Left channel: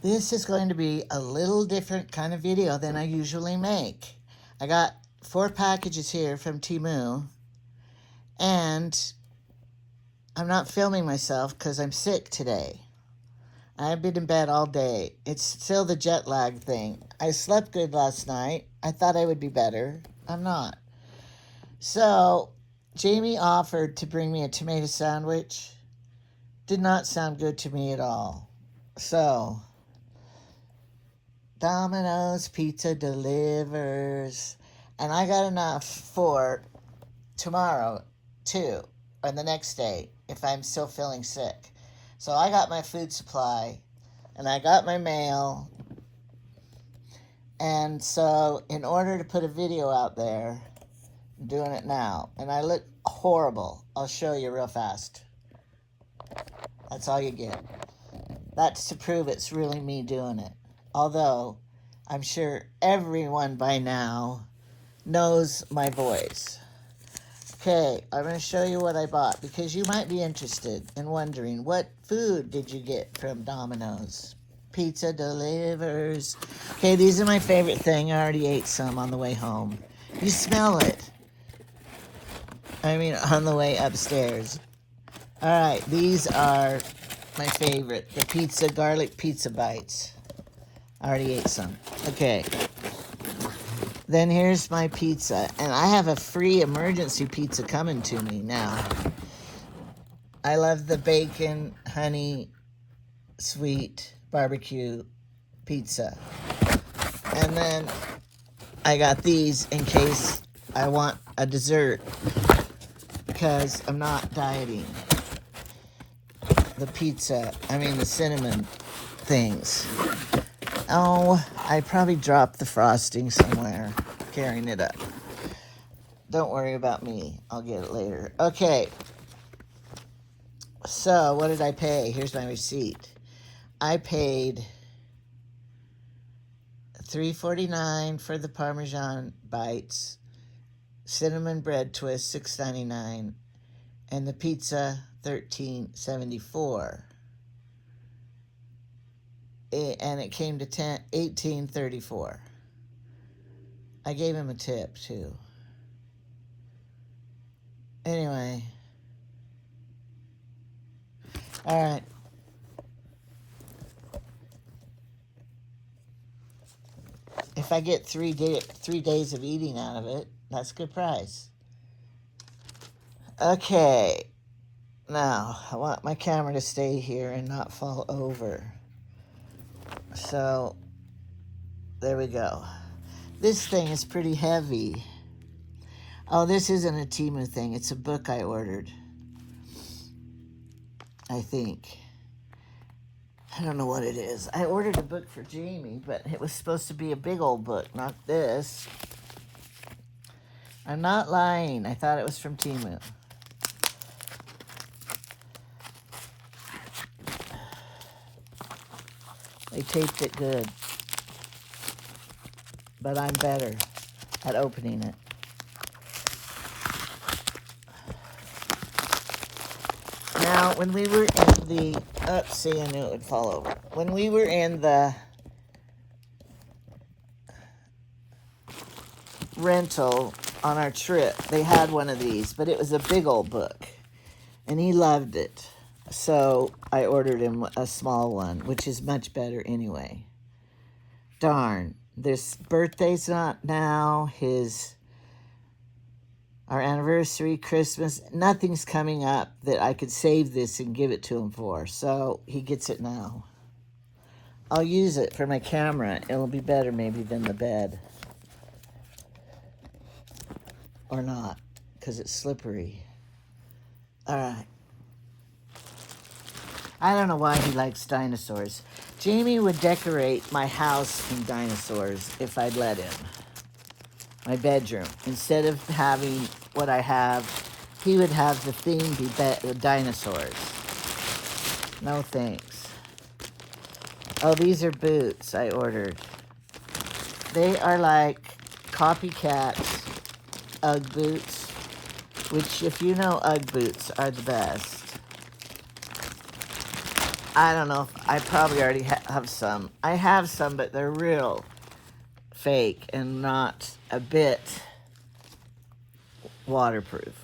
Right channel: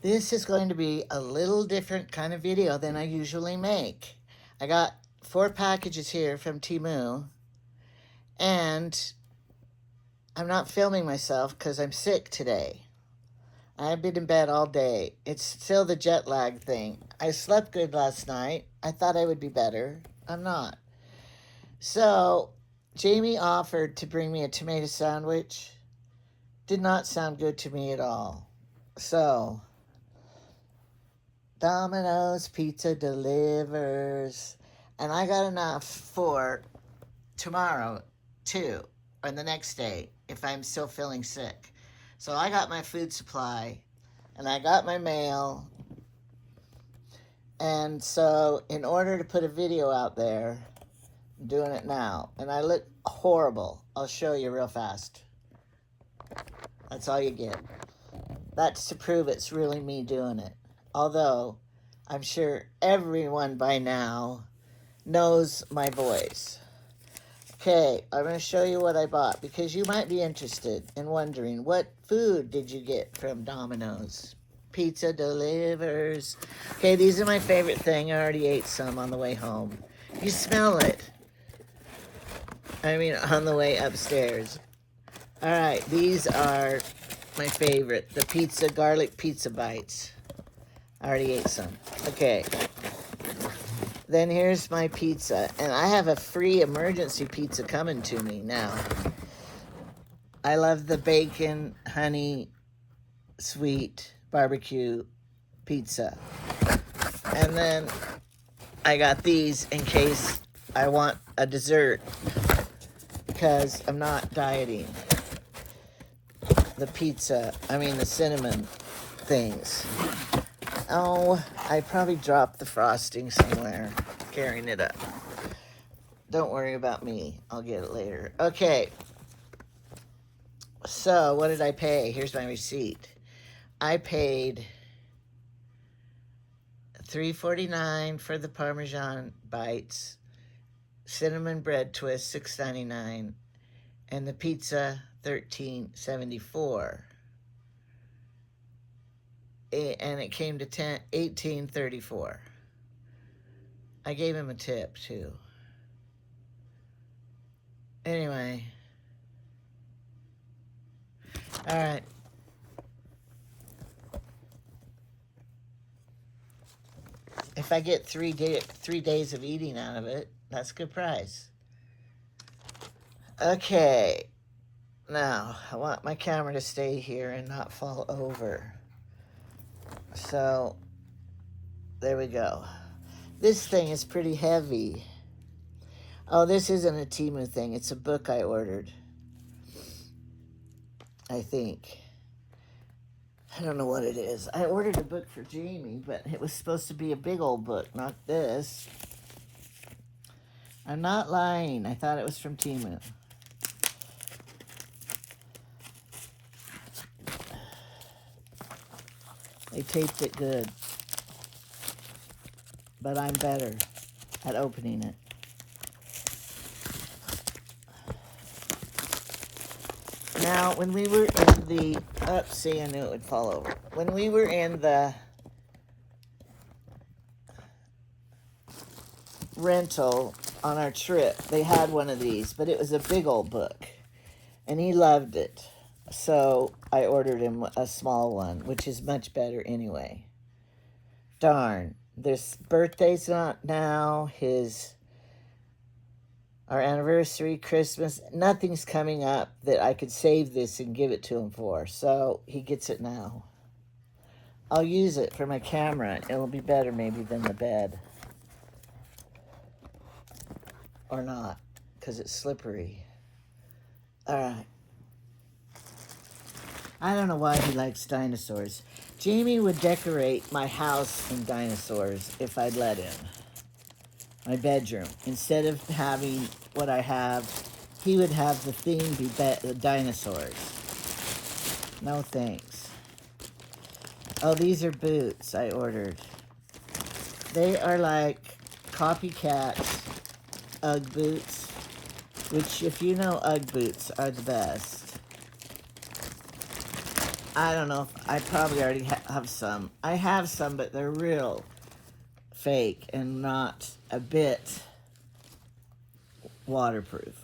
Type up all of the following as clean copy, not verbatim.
This is going to be a little different kind of video than I usually make. I got 4 packages here from Temu, and I'm not filming myself because I'm sick today. I've been in bed all day. It's still the jet lag thing. I slept good last night. I thought I would be better. I'm not. So, Jamie offered to bring me a tomato sandwich. Did not sound good to me at all. So, Domino's Pizza delivers. And I got enough for tomorrow, too, or the next day, if I'm still feeling sick. So I got my food supply, and I got my mail. And so, in order to put a video out there, I'm doing it now. And I look horrible. I'll show you real fast. That's all you get. That's to prove it's really me doing it. Although, I'm sure everyone by now knows my voice. Okay, I'm going to show you what I bought because you might be interested in wondering, what food did you get from Domino's? Pizza delivers. Okay, these are my favorite thing. I already ate some on the way home. You smell it. I mean, on the way upstairs. All right, these are my favorite. The pizza, garlic pizza bites. I already ate some. Okay. Then here's my pizza. And I have a free emergency pizza coming to me now. I love the bacon, honey, sweet barbecue pizza. And then I got these in case I want a dessert because I'm not dieting. The pizza, the cinnamon things. Oh, I probably dropped the frosting somewhere, carrying it up. Don't worry about me. I'll get it later. Okay. So, what did I pay? Here's my receipt. I paid $3.49 for the Parmesan bites, cinnamon bread twist, $6.99, and the pizza, $13.74. And it came to $18.34. I gave him a tip too. Anyway, all right. If I get 3 days of eating out of it, that's a good price. Okay, now I want my camera to stay here and not fall over. So, there we go. This thing is pretty heavy. Oh, this isn't a Temu thing. It's a book I ordered. I think. I don't know what it is. I ordered a book for Jamie, but it was supposed to be a big old book, not this. I'm not lying. I thought it was from Temu. They taped it good. But I'm better at opening it. Now, when we were in the... Oh, see, I knew it would fall over. When we were in the rental on our trip, they had one of these, but it was a big old book. And he loved it. So I ordered him a small one, which is much better anyway. Darn. This birthday's not now. Our anniversary, Christmas, nothing's coming up that I could save this and give it to him for. So he gets it now. I'll use it for my camera. It'll be better maybe than the bed. Or not, because it's slippery. All right. I don't know why he likes dinosaurs. Jamie would decorate my house in dinosaurs if I'd let him. My bedroom. Instead of having what I have, he would have the theme be dinosaurs. No thanks. Oh, these are boots I ordered. They are like copycat Ugg boots, which if you know Ugg boots are the best. I don't know. I probably already have some. I have some, but they're real fake and not a bit waterproof.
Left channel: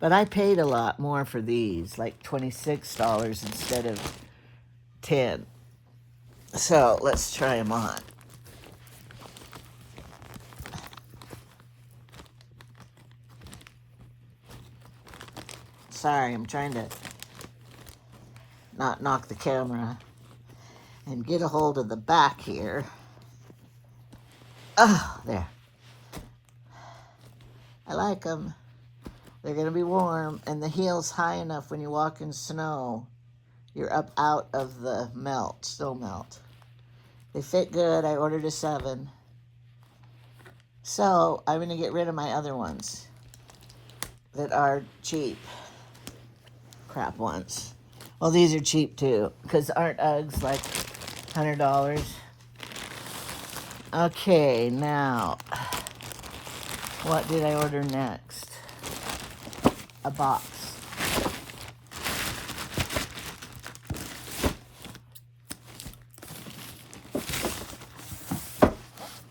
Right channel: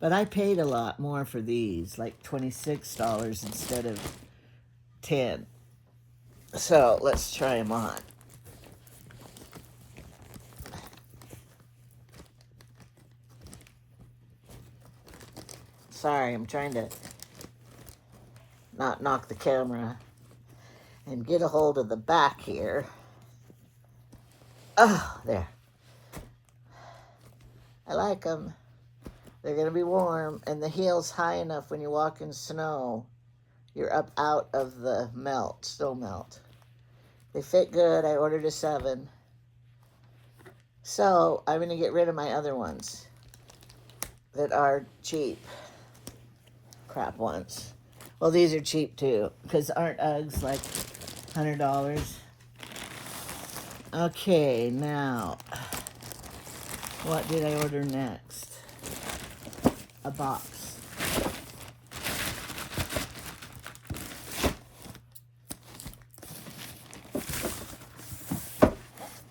But I paid a lot more for these, like $26 instead of $10. So let's try them on. Sorry, I'm trying to not knock the camera and get a hold of the back here. Oh, there. I like them. They're going to be warm, and the heel's high enough when you walk in snow, you're up out of the snow melt. They fit good. I ordered a 7. So I'm going to get rid of my other ones that are cheap. Crap ones. Well, these are cheap too, because aren't Uggs like $100? Okay, now, what did I order next? A box.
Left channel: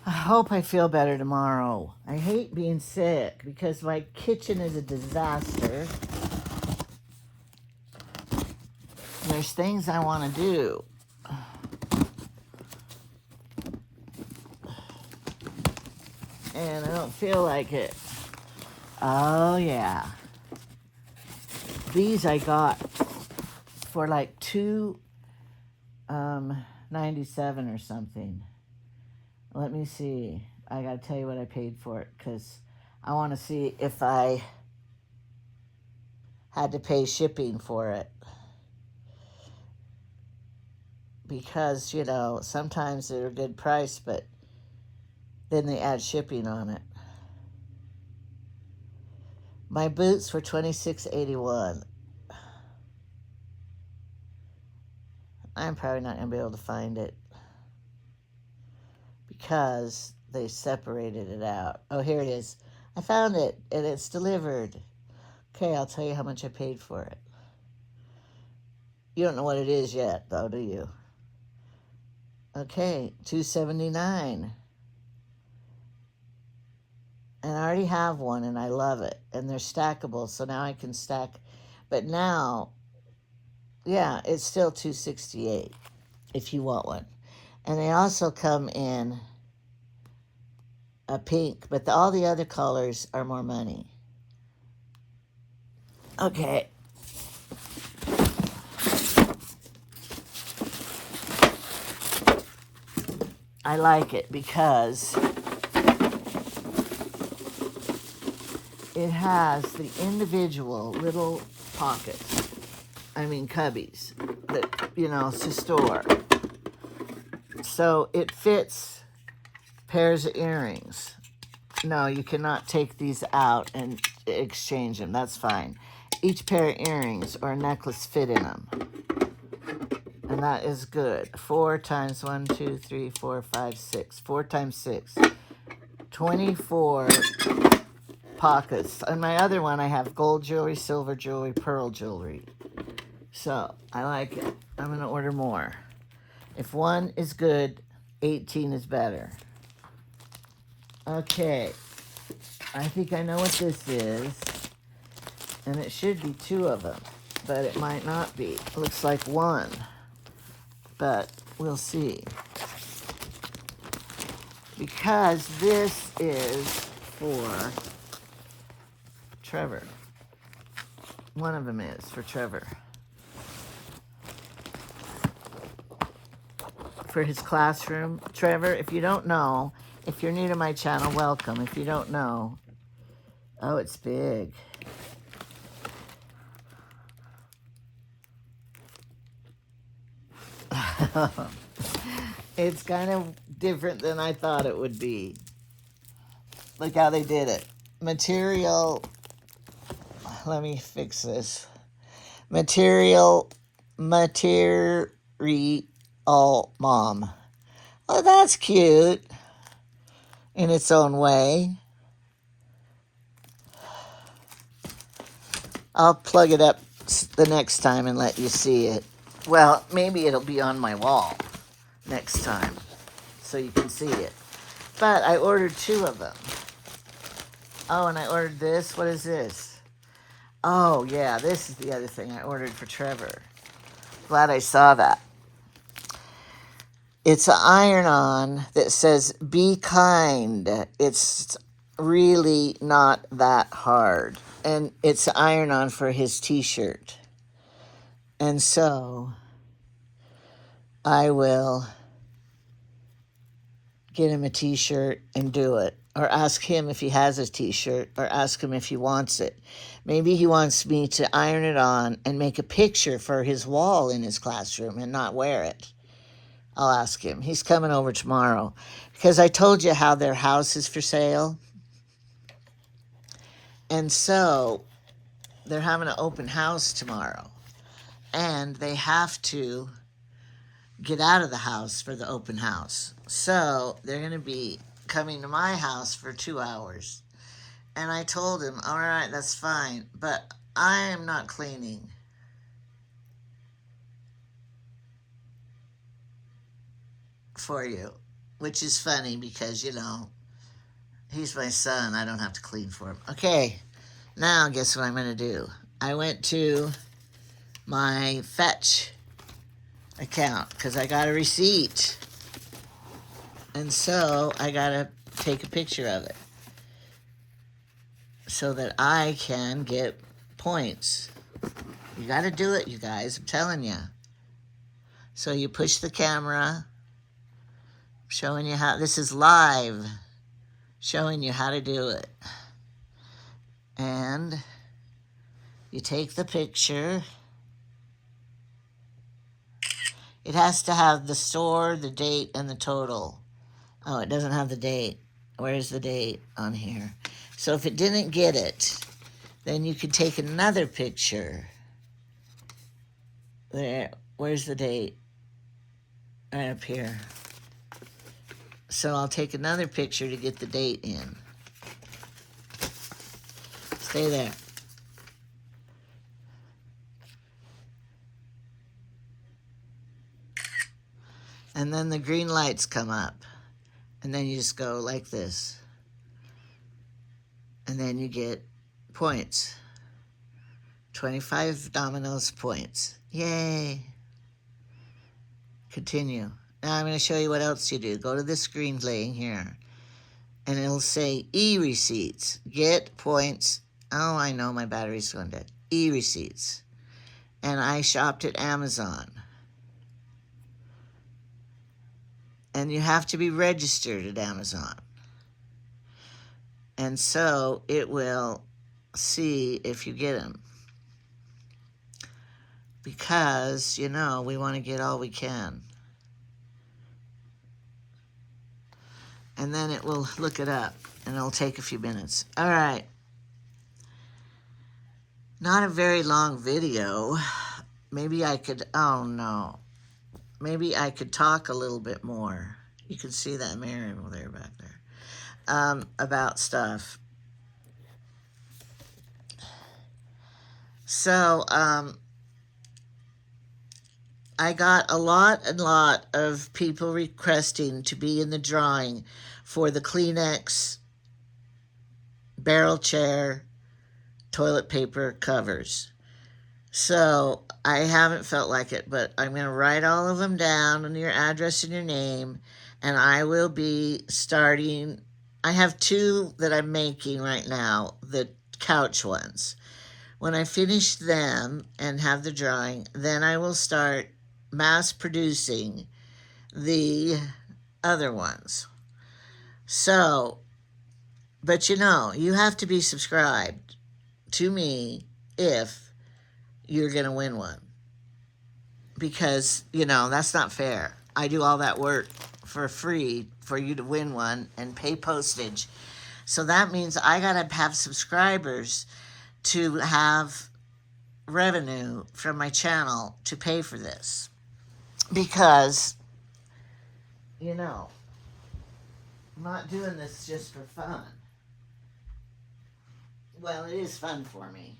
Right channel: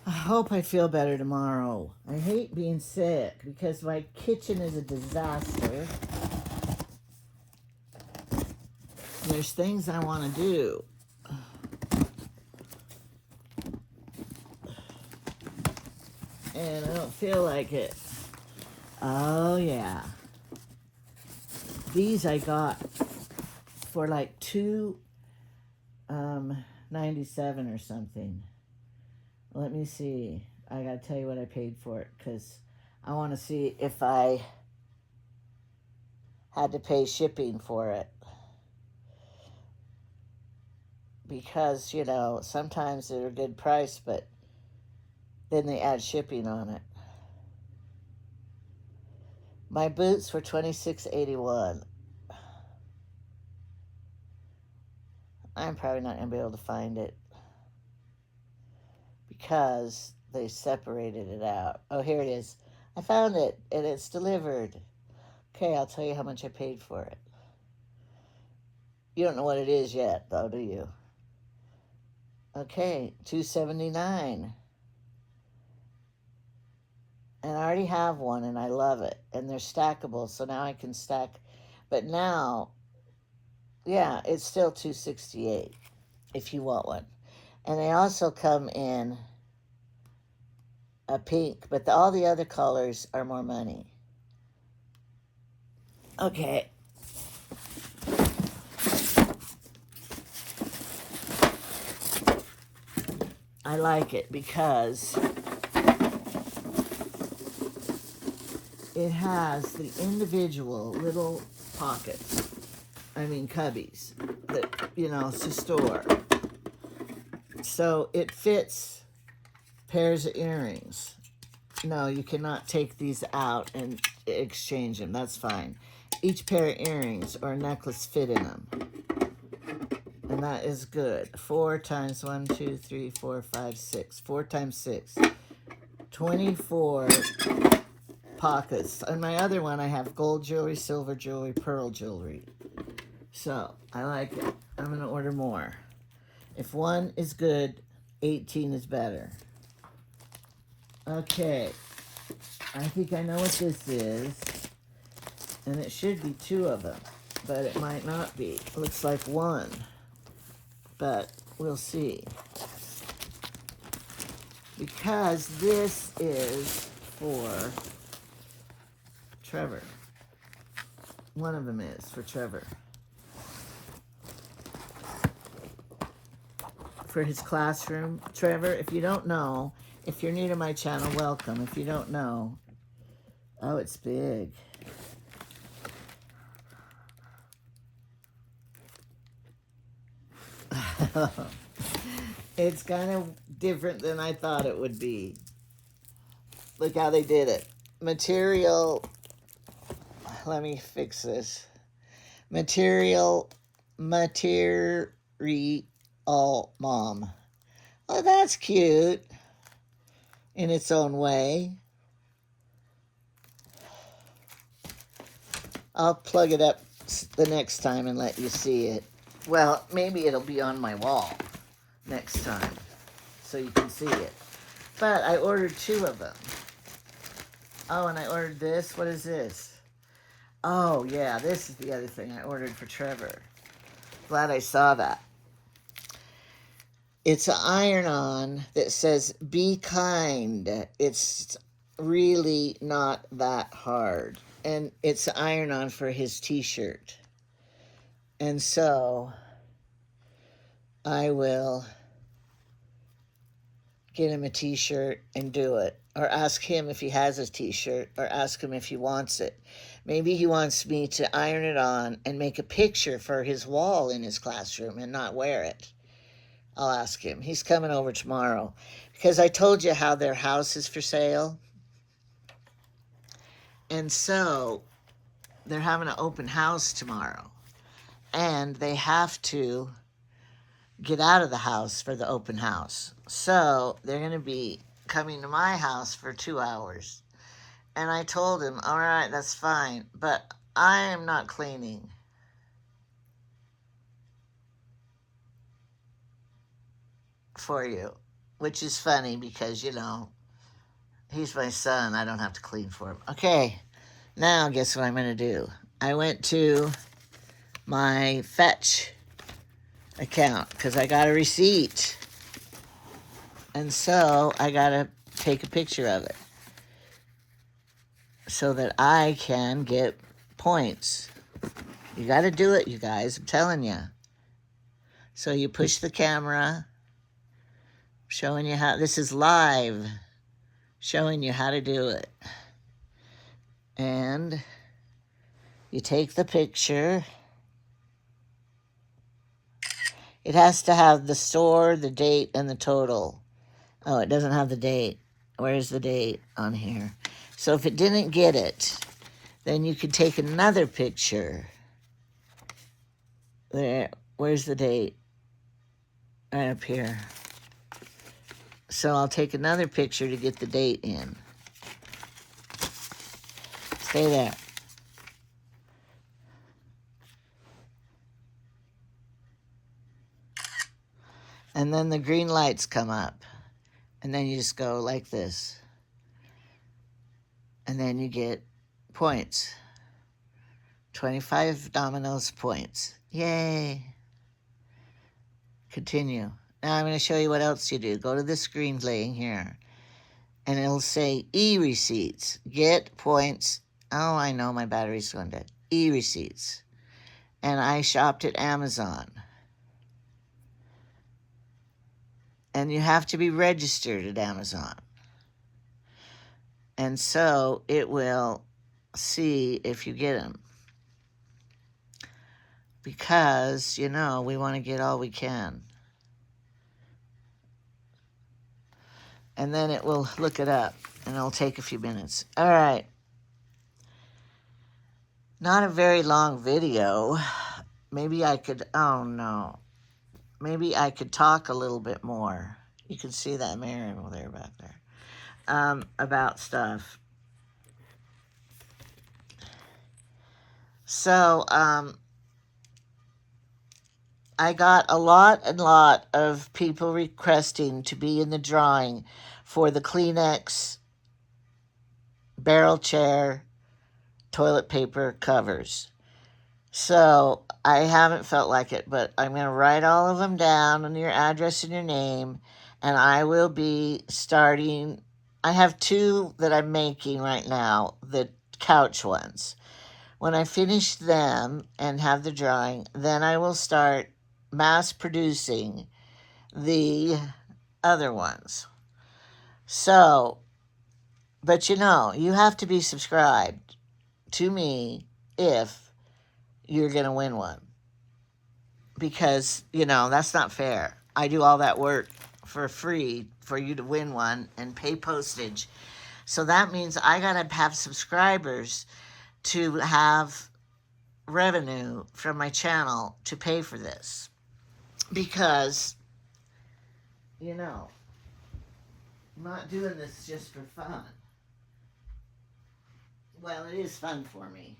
I hope I feel better tomorrow. I hate being sick because my kitchen is a disaster. There's things I want to do. And I don't feel like it. Oh, yeah. These I got for like $2.97 or something. Let me see. I gotta tell you what I paid for it because I want to see if I had to pay shipping for it. Because, you know, sometimes they're a good price, but then they add shipping on it. My boots were $26.81. I'm probably not going to be able to find it because they separated it out. Oh, here it is. I found it, and it's delivered. Okay, I'll tell you how much I paid for it. You don't know what it is yet, though, do you? Okay, $2.79. And I already have one, and I love it. And they're stackable, so now I can stack. But now, yeah, it's still $2.68 if you want one. And they also come in a pink, but all the other colors are more money. Okay. I like it because it has the individual little pockets, cubbies, that, you know, to store. So it fits pairs of earrings. No, you cannot take these out and exchange them. That's fine. Each pair of earrings or a necklace fit in them. And that is good. 4 times 1, 2, 3, 4, 5, 6. 4 times 6. 24 pockets. On my other one, I have gold jewelry, silver jewelry, pearl jewelry. So, I like it. I'm going to order more. If one is good, 18 is better. Okay. I think I know what this is. And it should be 2 of them. But it might not be. It looks like 1. But we'll see. Because this is for Trevor. One of them is for Trevor. For his classroom. Trevor, if you don't know, if you're new to my channel, welcome. If you don't know, oh, it's big. It's kind of different than I thought it would be. Look how they did it. Material, let me fix this. Material mom. Oh, that's cute in its own way. I'll plug it up the next time and let you see it. Well, maybe it'll be on my wall next time so you can see it. But I ordered 2 of them. Oh, and I ordered this. What is this? Oh, yeah, this is the other thing I ordered for Trevor. Glad I saw that. It's an iron-on that says, "Be kind." It's really not that hard. And it's an iron-on for his t-shirt. And so I will get him a t-shirt and do it. Or ask him if he has a t-shirt, or ask him if he wants it. Maybe he wants me to iron it on and make a picture for his wall in his classroom and not wear it. I'll ask him. He's coming over tomorrow. Because I told you how their house is for sale. And so they're having an open house tomorrow. And they have to get out of the house for the open house. So they're going to be coming to my house for 2 hours. And I told him, all right, that's fine, but I am not cleaning. For you, which is funny because, you know, he's my son. I don't have to clean for him. Okay, now guess what I'm going to do? I went to my Fetch account because I got a receipt. And so I got to take a picture of it so that I can get points. You got to do it, you guys. I'm telling you. So you push the camera, showing you how, this is live, showing you how to do it. And you take the picture. It has to have the store, the date, and the total. Oh, it doesn't have the date. Where's the date on here? So if it didn't get it, then you could take another picture. There, where's the date? Right up here. So I'll take another picture to get the date in. Stay there. And then the green lights come up. And then you just go like this. And then you get points. 25 Domino's points. Yay. Continue. Now I'm going to show you what else you do. Go to the screen laying here. And it'll say e-receipts. Get points. Oh, I know my battery's going dead. E-receipts. And I shopped at Amazon. And you have to be registered at Amazon. And so it will see if you get them. Because, you know, we want to get all we can. And then it will look it up. And it'll take a few minutes. All right. Not a very long video. Maybe I could, oh no. Maybe I could talk a little bit more. You can see that mirror over there, back there. About stuff. So, I got a lot of people requesting to be in the drawing for the Kleenex barrel chair toilet paper covers. So I haven't felt like it, but I'm going to write all of them down and your address and your name, and I will be starting. I have 2 that I'm making right now, the couch ones. When I finish them and have the drawing, then I will start mass producing the other ones. So, but you know, you have to be subscribed to me if you're going to win one. Because, you know, that's not fair. I do all that work for free for you to win one and pay postage. So that means I got to have subscribers to have revenue from my channel to pay for this. Because, you know, I'm not doing this just for fun. Well, it is fun for me.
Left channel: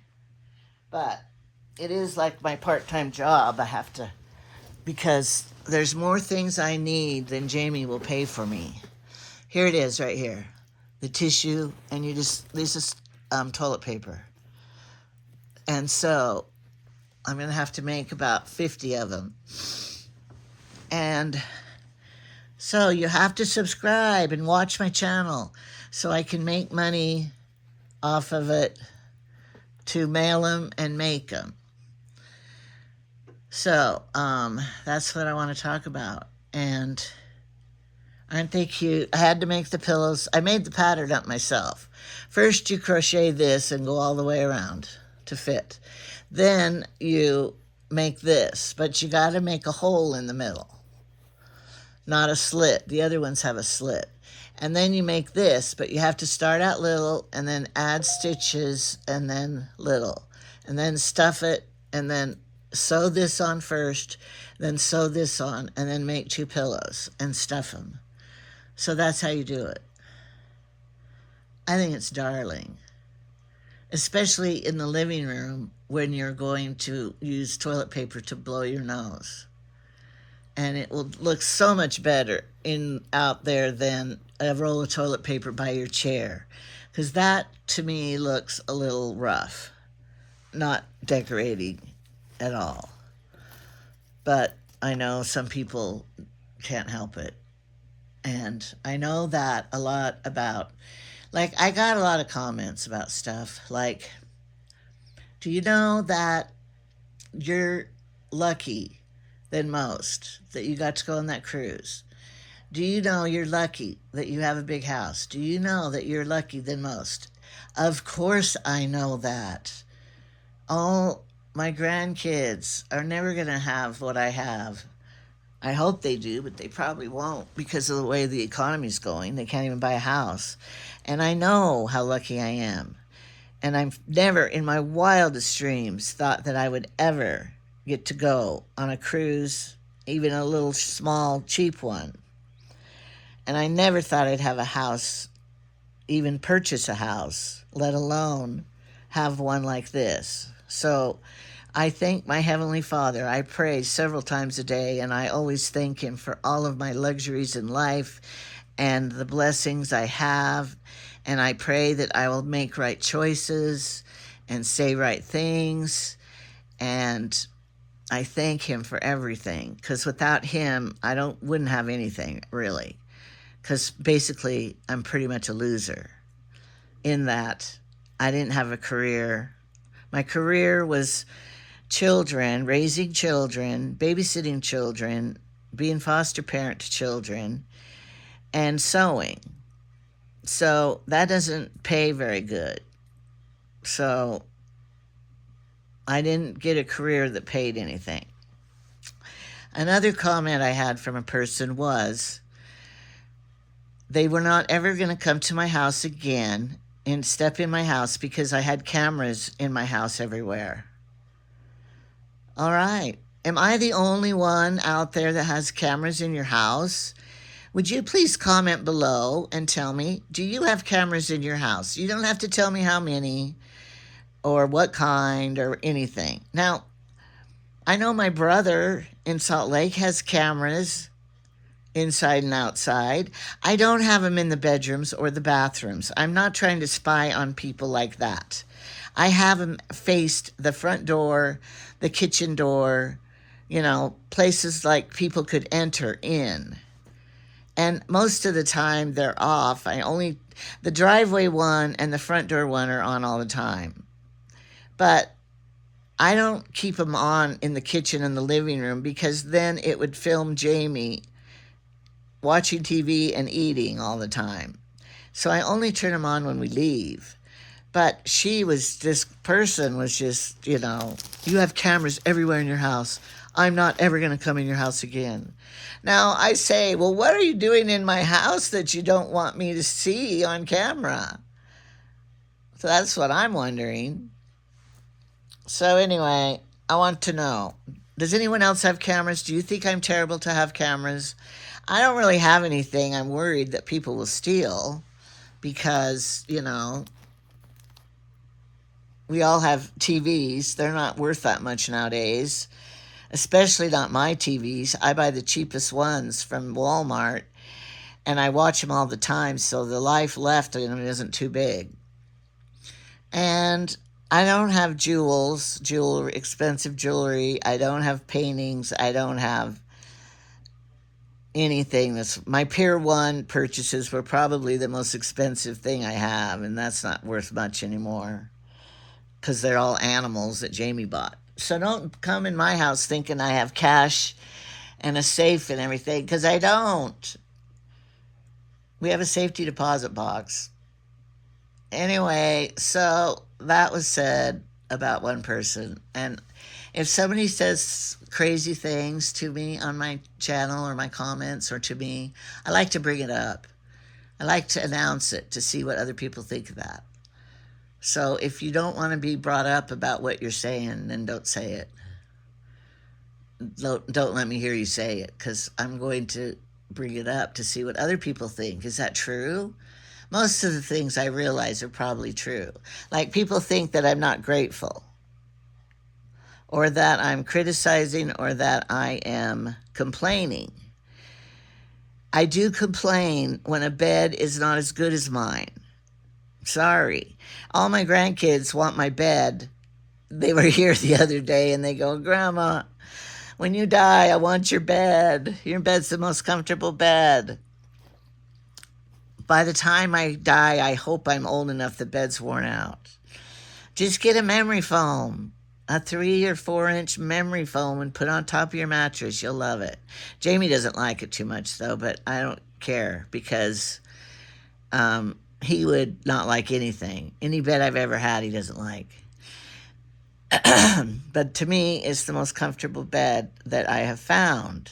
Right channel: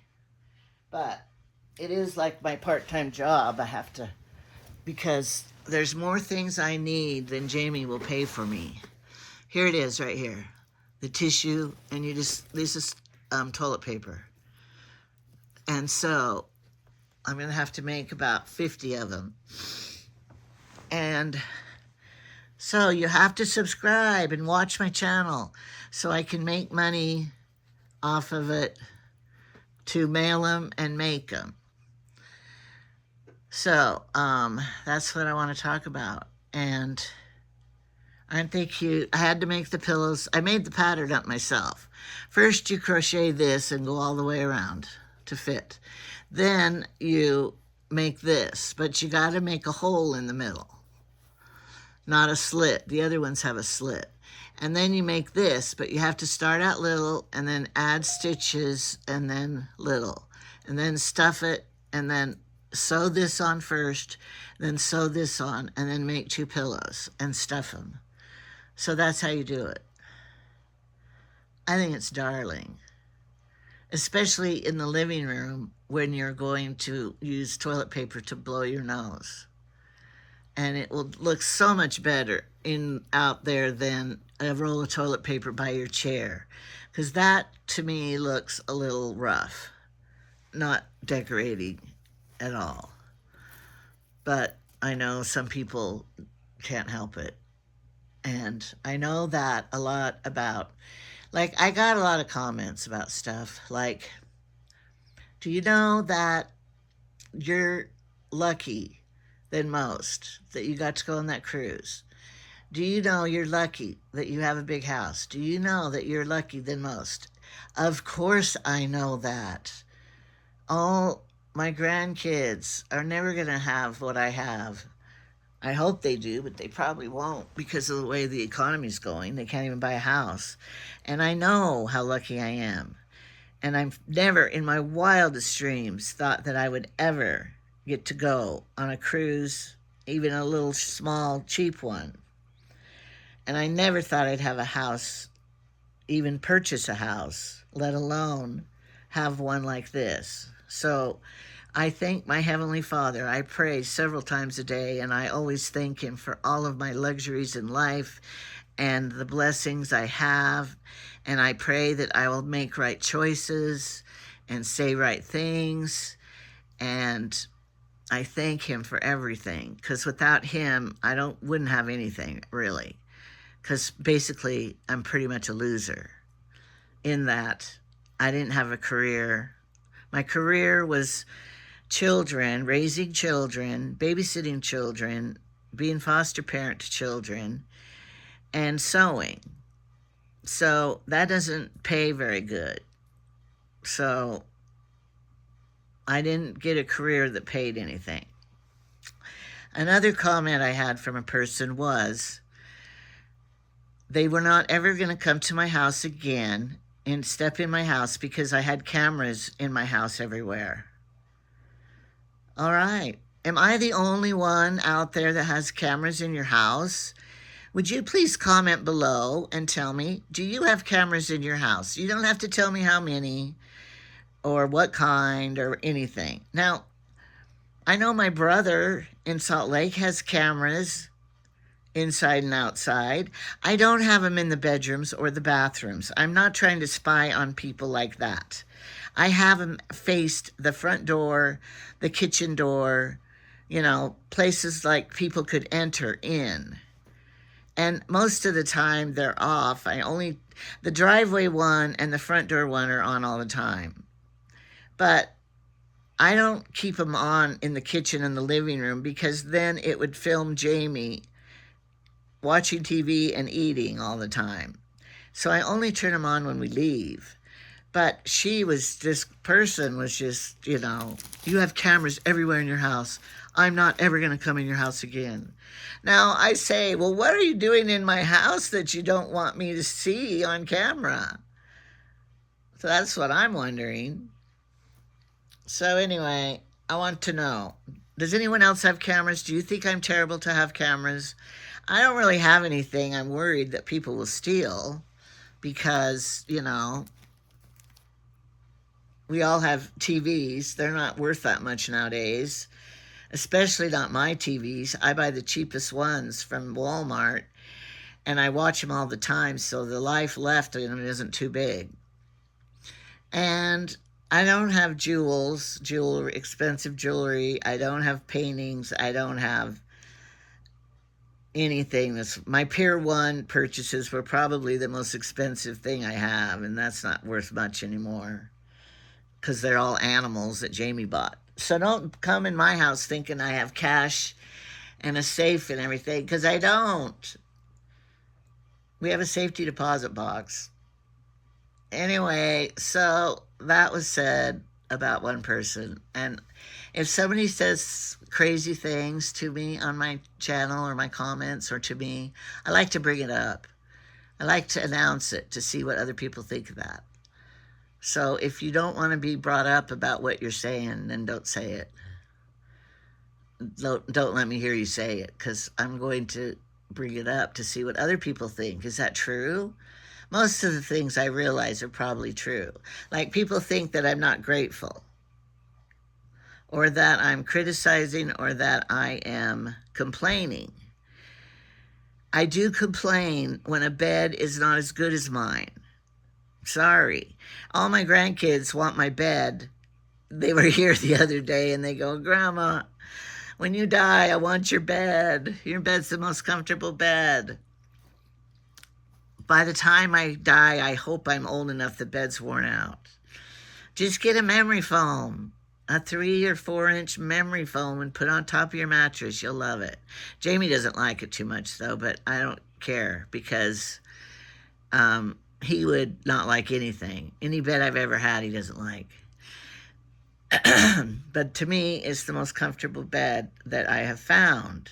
But it is like my part-time job. I have to because there's more things I need than Jamie will pay for me. Here it is right here. The tissue, and this is toilet paper. And so I'm going to have to make about 50 of them. And so you have to subscribe and watch my channel so I can make money off of it to mail them and make them. So that's what I want to talk about. And aren't they cute? I had to make the pillows. I made the pattern up myself. First you crochet this and go all the way around to fit. Then you make this, but you got to make a hole in the middle, not a slit. The other ones have a slit. And then you make this, but you have to start out little and then add stitches and then little. And then stuff it and then sew this on first, then sew this on, and then make 2 pillows and stuff them. So that's how you do it. I think it's darling, especially in the living room when you're going to use toilet paper to blow your nose. And it will look so much better out there than a roll of toilet paper by your chair, because that to me looks a little rough, not decorating at all. But I know some people can't help it. And I know that a lot about, like, I got a lot of comments about stuff like, do you know that you're lucky than most that you got to go on that cruise? Do you know you're lucky that you have a big house? Do you know that you're lucky than most? Of course I know that. All my grandkids are never going to have what I have. I hope they do, but they probably won't because of the way the economy's going. They can't even buy a house. And I know how lucky I am. And I've never, in my wildest dreams, thought that I would ever get to go on a cruise, even a little small, cheap one. And I never thought I'd have a house, even purchase a house, let alone have one like this. So I thank my Heavenly Father. I pray several times a day, and I always thank Him for all of my luxuries in life and the blessings I have. And I pray that I will make right choices and say right things. And I thank Him for everything, because without Him, I wouldn't have anything, really. Because basically, I'm pretty much a loser in that I didn't have a career. My career was children, raising children, babysitting children, being foster parent to children, and sewing. So that doesn't pay very good. So I didn't get a career that paid anything. Another comment I had from a person was they were not ever going to come to my house again and step in my house because I had cameras in my house everywhere. All right. Am I the only one out there that has cameras in your house? Would you please comment below and tell me, do you have cameras in your house? You don't have to tell me how many or what kind or anything. Now, I know my brother in Salt Lake has cameras inside and outside. I don't have them in the bedrooms or the bathrooms. I'm not trying to spy on people like that. I have them faced the front door, the kitchen door, you know, places like people could enter in. And most of the time they're off. The driveway one and the front door one are on all the time. But I don't keep them on in the kitchen and the living room because then it would film Jamie watching TV and eating all the time. So I only turn them on when we leave. But this person was just, you know, you have cameras everywhere in your house. I'm not ever going to come in your house again. Now I say, well, what are you doing in my house that you don't want me to see on camera? So that's what I'm wondering. So anyway, I want to know, does anyone else have cameras? Do you think I'm terrible to have cameras? I don't really have anything I'm worried that people will steal because, you know, we all have TVs. They're not worth that much nowadays. especially not my TVs. I buy the cheapest ones from Walmart, and I watch them all the time, so the life left in them isn't too big. And I don't have jewelry, expensive jewelry. I don't have paintings. I don't have anything that's... My Pier 1 purchases were probably the most expensive thing I have, and that's not worth much anymore because they're all animals that Jamie bought. So don't come in my house thinking I have cash and a safe and everything, because I don't. We have a safety deposit box. Anyway, so that was said about one person. And if somebody says crazy things to me on my channel or my comments or to me, I like to bring it up. I like to announce it to see what other people think of that. So if you don't want to be brought up about what you're saying, then don't say it. Don't let me hear you say it, because I'm going to bring it up to see what other people think. Is that true? Most of the things I realize are probably true. Like, people think that I'm not grateful, or that I'm criticizing, or that I am complaining. I do complain when a bed is not as good as mine. Sorry. All my grandkids want my bed. They were here the other day and they go, "Grandma, when you die, I want your bed. Your bed's the most comfortable bed." By the time I die, I hope I'm old enough the bed's worn out. Just get a memory foam, a 3 or 4 inch memory foam, and put on top of your mattress. You'll love it. Jamie doesn't like it too much though, but I don't care, because he would not like anything. Any bed I've ever had, he doesn't like. But to me, it's the most comfortable bed that I have found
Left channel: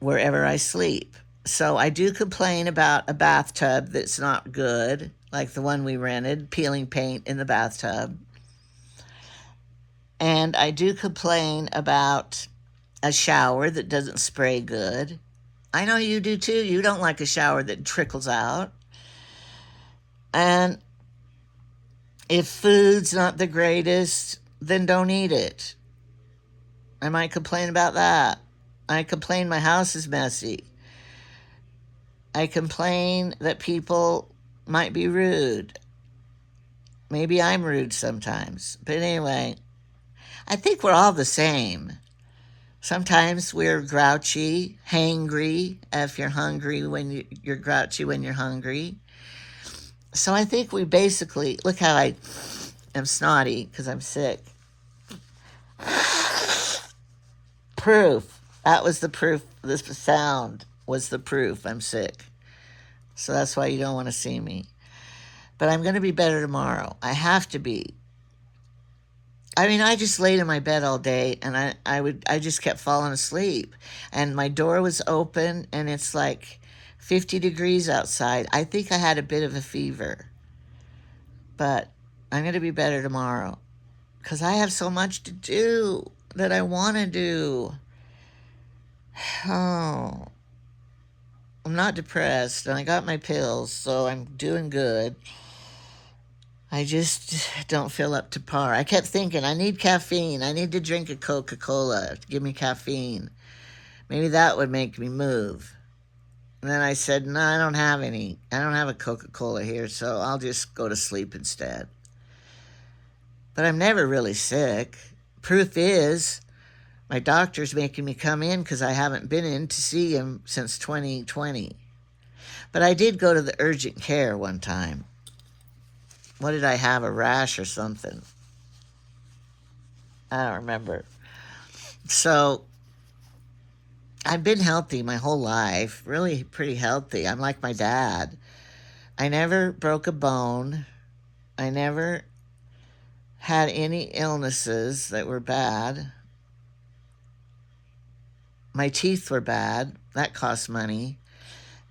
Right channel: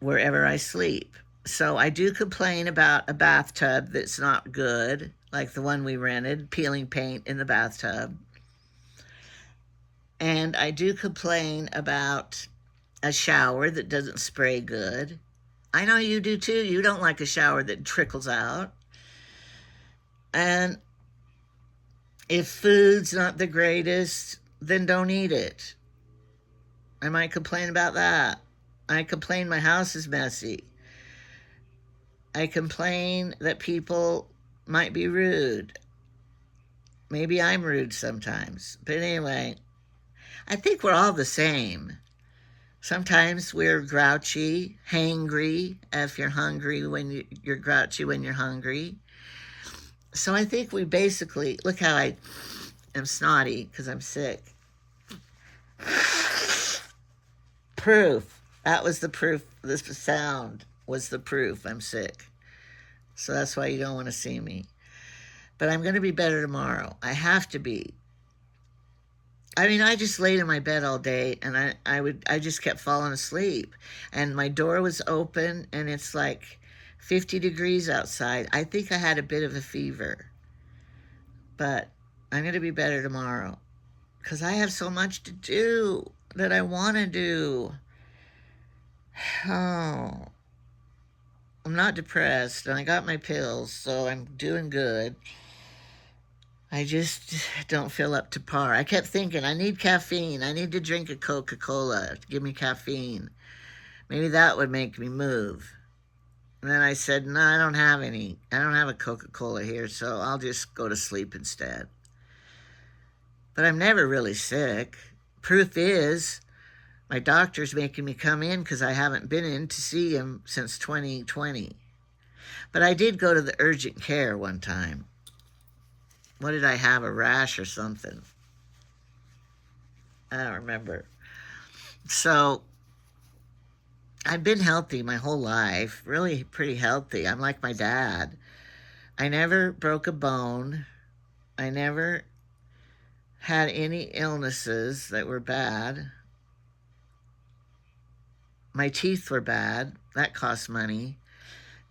wherever I sleep. So I do complain about a bathtub that's not good, like the one we rented, peeling paint in the bathtub. And I do complain about a shower that doesn't spray good. I know you do too. You don't like a shower that trickles out. And if food's not the greatest, then don't eat it. I might complain about that. I complain my house is messy. I complain that people might be rude. Maybe I'm rude sometimes. But anyway, I think we're all the same. Sometimes we're grouchy, hangry, if you're hungry when you're grouchy when you're hungry. So I think we basically... Look how I am snotty because I'm sick. Proof. That was the proof. This sound was the proof I'm sick. So that's why you don't want to see me. But I'm going to be better tomorrow. I have to be. I mean, I just laid in my bed all day, and I just kept falling asleep. And my door was open, and it's like 50 degrees outside. I think I had a bit of a fever. But I'm going to be better tomorrow, because I have so much to do that I want to do. Oh, I'm not depressed, and I got my pills, so I'm doing good. I just don't feel up to par. I kept thinking, I need caffeine. I need to drink a Coca-Cola to give me caffeine. Maybe that would make me move. And then I said, no, I don't have any. I don't have a Coca-Cola here, so I'll just go to sleep instead. But I'm never really sick. Proof is, my doctor's making me come in because I haven't been in to see him since 2020. But I did go to the urgent care one time. What did I have, a rash or something? I don't remember. So I've been healthy my whole life, really pretty healthy. I'm like my dad. I never broke a bone. I never had any illnesses that were bad. My teeth were bad. That cost money.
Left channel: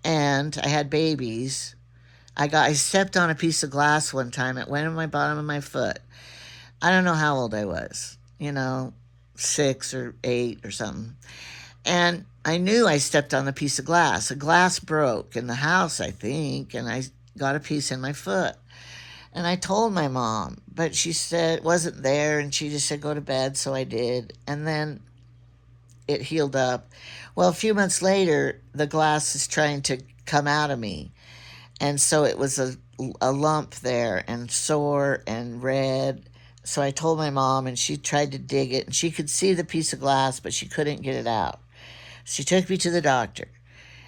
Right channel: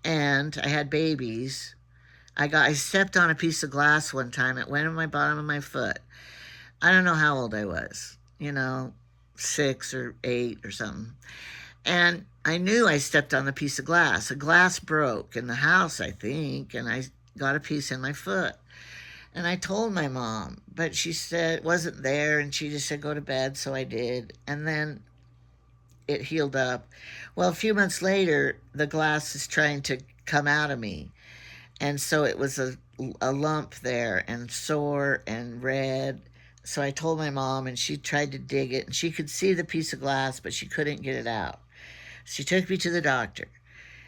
And I had babies. I stepped on a piece of glass one time. It went in my bottom of my foot. I don't know how old I was. 6 or 8 or something. And I knew I stepped on a piece of glass. A glass broke in the house, I think, and I got a piece in my foot. And I told my mom, but she said it wasn't there, and she just said, go to bed, so I did. And then it healed up. Well, a few months later, the glass is trying to come out of me. And so it was a lump there and sore and red. So I told my mom, and she tried to dig it, and she could see the piece of glass, but she couldn't get it out. She took me to the doctor,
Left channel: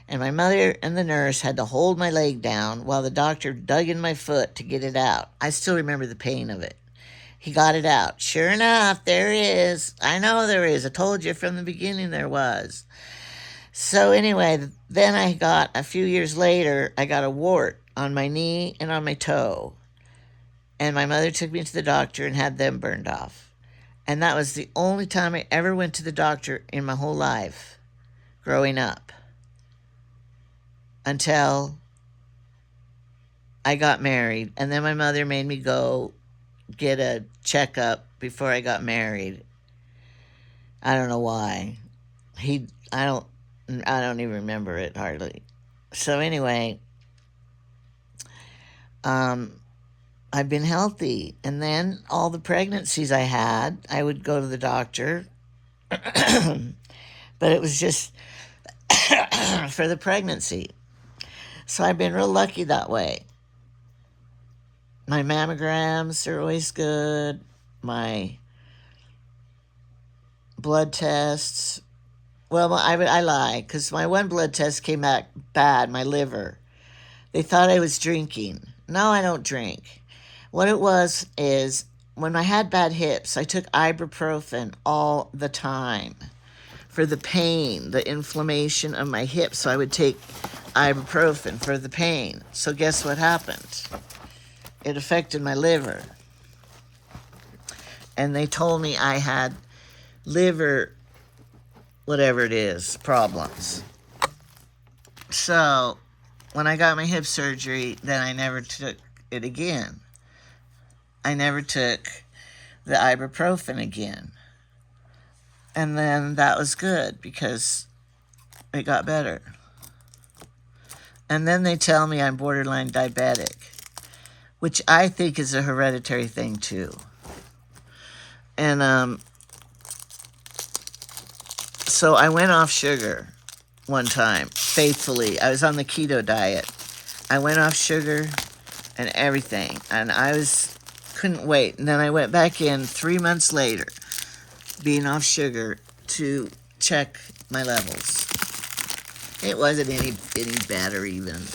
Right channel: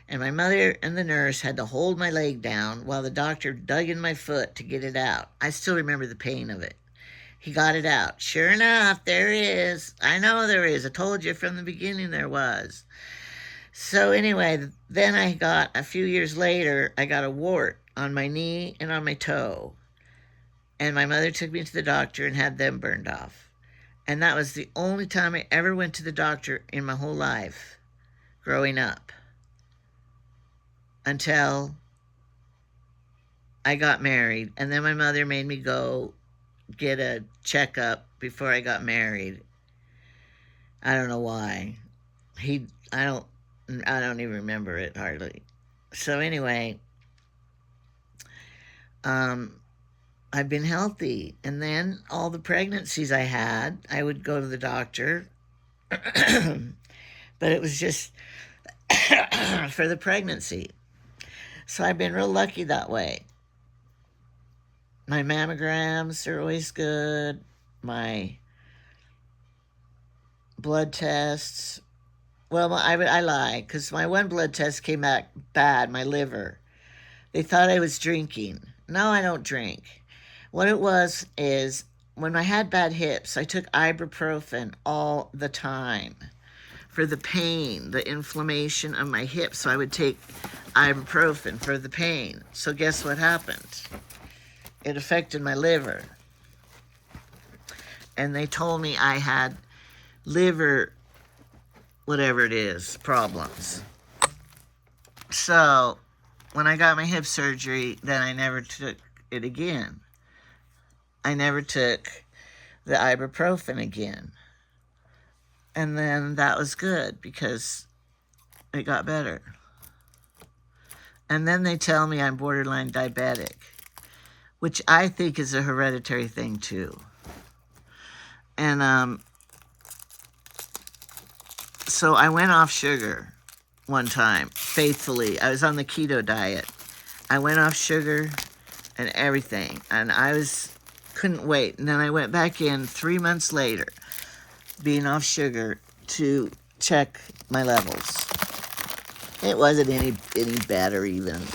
and my mother and the nurse had to hold my leg down while the doctor dug in my foot to get it out. I still remember the pain of it. He got it out. Sure enough, there is. I know there is. I told you from the beginning there was. So anyway, then a few years later, I got a wart on my knee and on my toe. And my mother took me to the doctor and had them burned off. And that was the only time I ever went to the doctor in my whole life, growing up, until I got married. And then my mother made me go get a checkup before I got married. I don't know why. I don't even remember it hardly. So anyway, I've been healthy. And then all the pregnancies I had, I would go to the doctor. But it was just for the pregnancy. So I've been real lucky that way. My mammograms are always good. My blood tests. Well, I lie, because my one blood test came back bad, my liver. They thought I was drinking. No, I don't drink. What it was is, when I had bad hips, I took ibuprofen all the time for the pain, the inflammation of my hips. So I would take ibuprofen for the pain. So guess what happened? It affected my liver. And they told me I had liver, whatever it is, problems. So when I got my hip surgery, then I never took it again. I never took the ibuprofen again. And then that was good because it got better. And then they tell me I'm borderline diabetic, which I think is a hereditary thing too. And so I went off sugar one time, faithfully. I was on the keto diet. I went off sugar and everything, and couldn't wait. And then I went back in 3 months later, being off sugar, to check my levels. It wasn't any better even.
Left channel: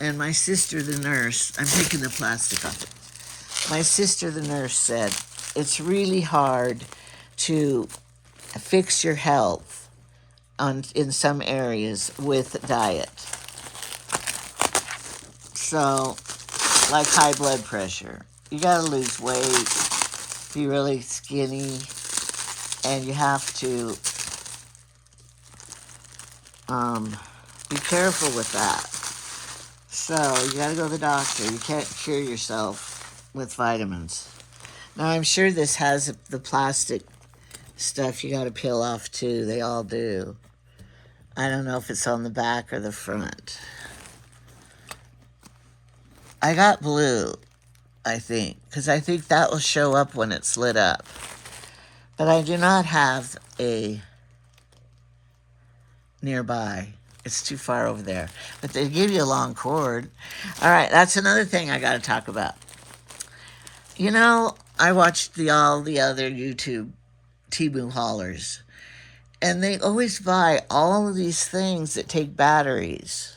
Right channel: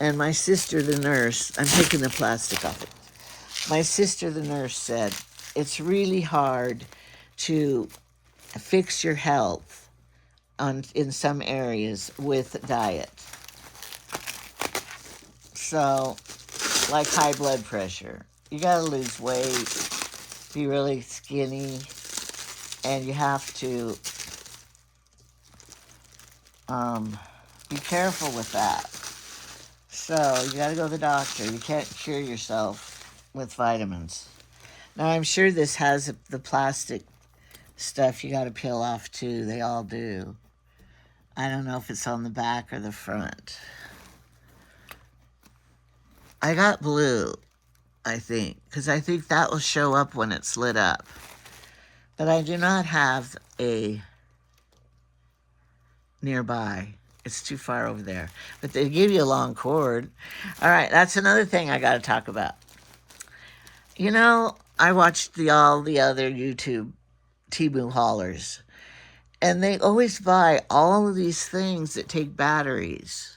And my sister, the nurse, I'm taking the plastic off it. My sister, the nurse, said, it's really hard to fix your health in some areas with diet. So, like high blood pressure, you gotta lose weight, be really skinny, and you have to be careful with that. So you gotta go to the doctor. You can't cure yourself with vitamins. Now I'm sure this has the plastic stuff you gotta peel off too. They all do. I don't know if it's on the back or the front. I got blue, I think, because I think that will show up when it's lit up. But I do not have a nearby. It's too far over there. But they give you a long cord. All right, that's another thing I got to talk about. You know, I watched all the other YouTube Temu haulers, and they always buy all of these things that take batteries.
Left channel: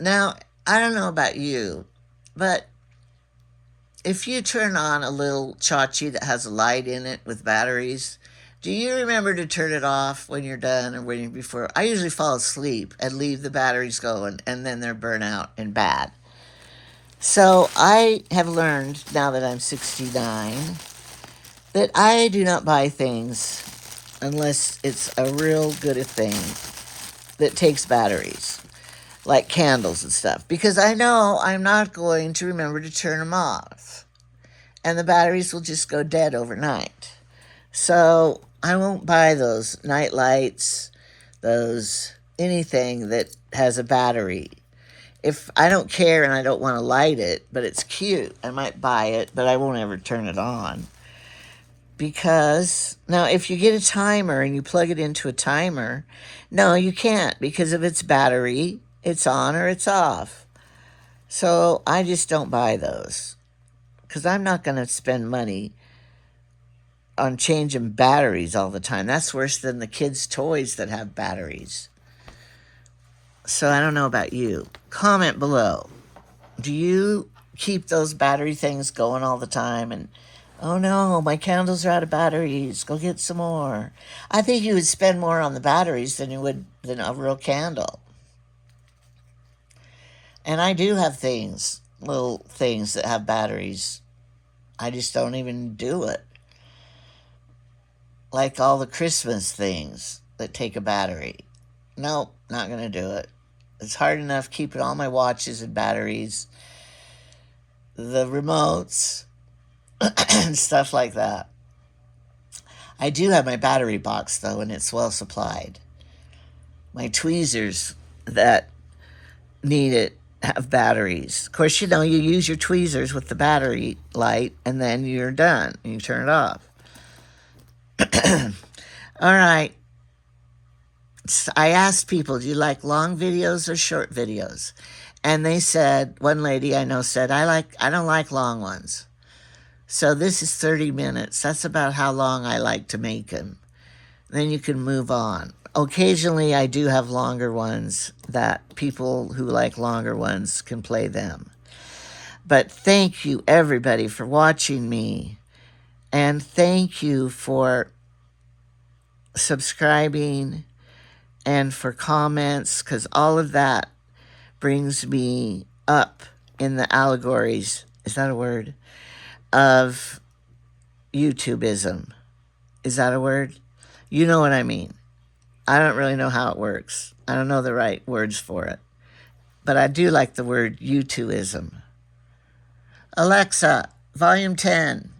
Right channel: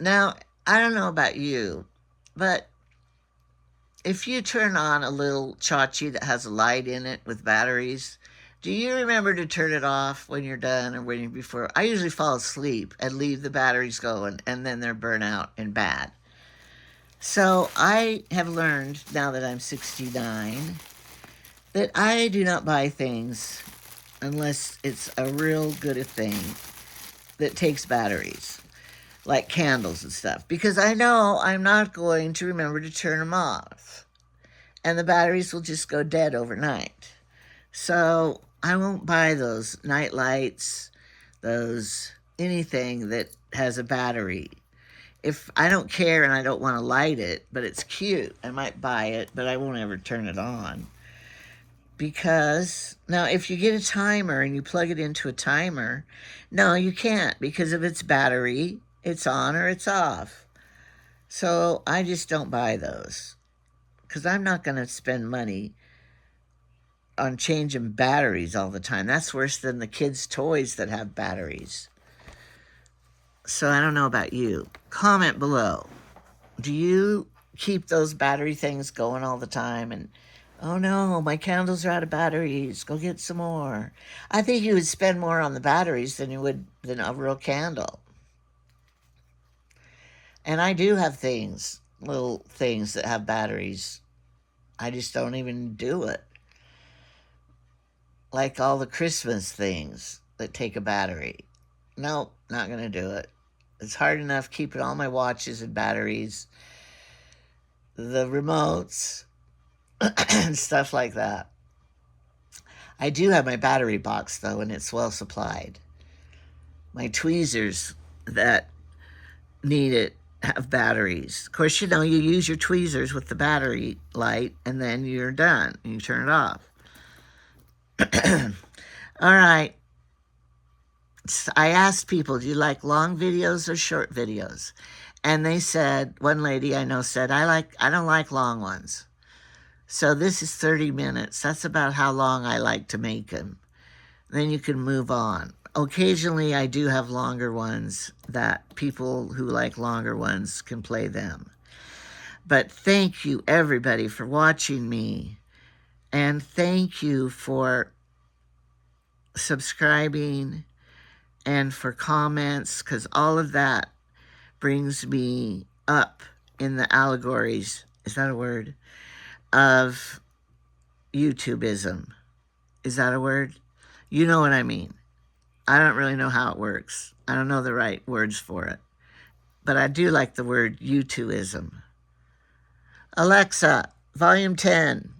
Now, I don't know about you, but if you turn on a little tchotchke that has a light in it with batteries, do you remember to turn it off when you're done or waiting before? I usually fall asleep and leave the batteries going, and then they're burnt out and bad. So I have learned, now that I'm 69, that I do not buy things unless it's a real good thing that takes batteries, like candles and stuff, because I know I'm not going to remember to turn them off, and the batteries will just go dead overnight. So I won't buy those night lights, anything that has a battery. If I don't care and I don't want to light it, but it's cute, I might buy it, but I won't ever turn it on. Because, now if you get a timer and you plug it into a timer, no, you can't, because if it's battery, it's on or it's off. So I just don't buy those, because I'm not going to spend money on changing batteries all the time. That's worse than the kids' toys that have batteries. So I don't know about you. Comment below. Do you keep those battery things going all the time? And, oh no, my candles are out of batteries. Go get some more. I think you would spend more on the batteries than you would than a real candle. And I do have things, little things that have batteries. I just don't even do it. Like all the Christmas things that take a battery. Nope, not going to do it. It's hard enough keeping all my watches and batteries, the remotes, and stuff like that. I do have my battery box, though, and it's well supplied. My tweezers that need it have batteries. Of course, you know, you use your tweezers with the battery light, and then you're done. You turn it off. All right. I asked people, do you like long videos or short videos? And they said, one lady I know said, I don't like long ones. So this is 30 minutes. That's about how long I like to make them. Then you can move on. Occasionally I do have longer ones that people who like longer ones can play them. But thank you everybody for watching me. And thank you for subscribing and for comments, because all of that brings me up in the allegories, is that a word, of YouTubism. Is that a word? You know what I mean. I don't really know how it works. I don't know the right words for it. But I do like the word YouTubism. Alexa, volume 10.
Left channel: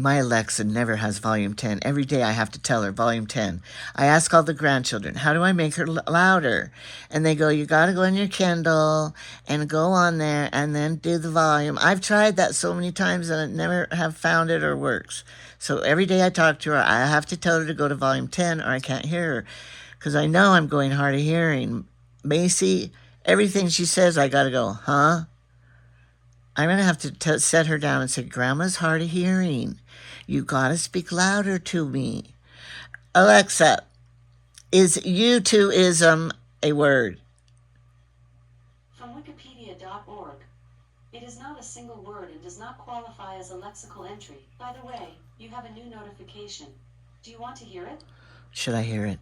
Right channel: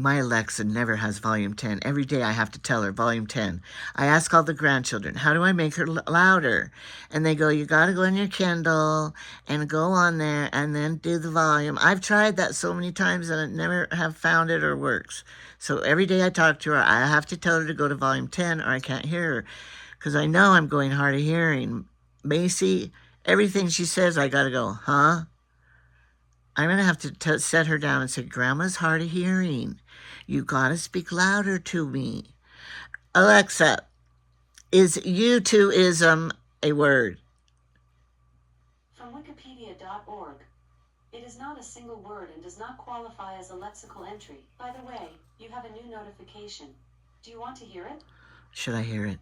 My Alexa never has volume 10. Every day I have to tell her volume 10. I ask all the grandchildren, how do I make her louder? And they go, you got to go in your Kindle and go on there and then do the volume. I've tried that so many times and I never have found it or works. So every day I talk to her, I have to tell her to go to volume 10 or I can't hear her. Because I know I'm going hard of hearing. Macy, everything she says, I got to go, huh? I'm going to have to set her down and say, Grandma's hard of hearing. You got to speak louder to me. Alexa, is YouTubism a word? From wikipedia.org. It is not a single word and does not qualify as a lexical entry. By the way, you have a new notification. Do you want to hear it? Should I hear it?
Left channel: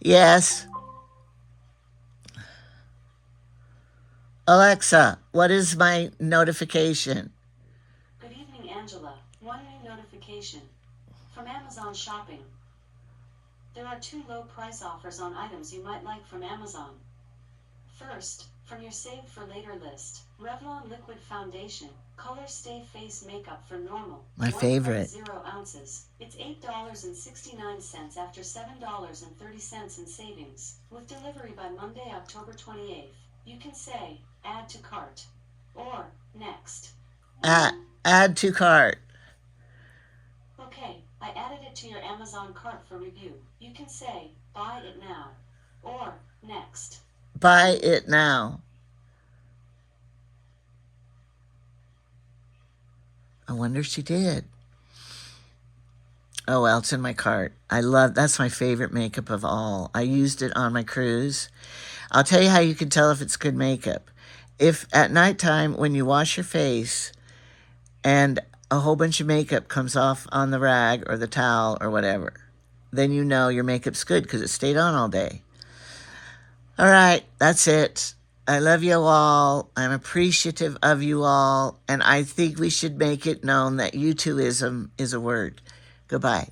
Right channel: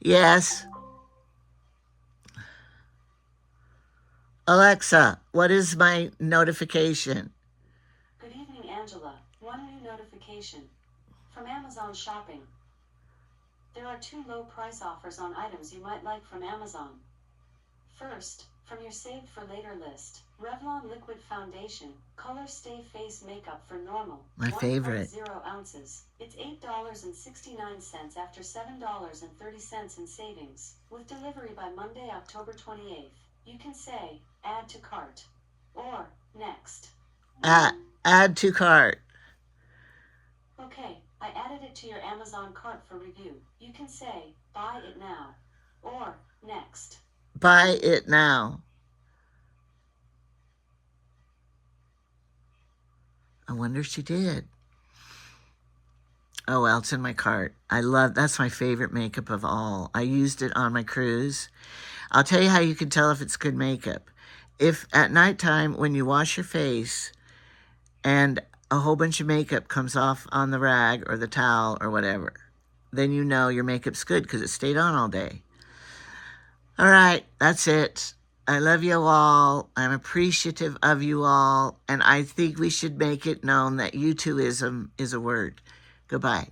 Yes. Alexa, what is my notification? Good evening, Angela. One new notification. From Amazon Shopping. There are 2 low price offers on items you might like from Amazon. First, from your Save for Later list, Revlon Liquid Foundation, Color Stay Face Makeup for Normal. My favorite. 1.0 ounces. It's $8.69 after $7.30 in savings. With delivery by Monday, October 28th. You can say, add to cart, or next. Add to cart. Okay, I added it to your Amazon cart for review. You can say, buy it now, or next. Buy it now. I wonder if she did. Oh, well, it's in my cart. That's my favorite makeup of all. I used it on my cruise. I'll tell you how you can tell if it's good makeup. If at nighttime when you wash your face and a whole bunch of makeup comes off on the rag or the towel or whatever, then you know your makeup's good because it stayed on all day. All right, that's it. I love you all. I'm appreciative of you all. And I think we should make it known that YouTubism is a word. Goodbye.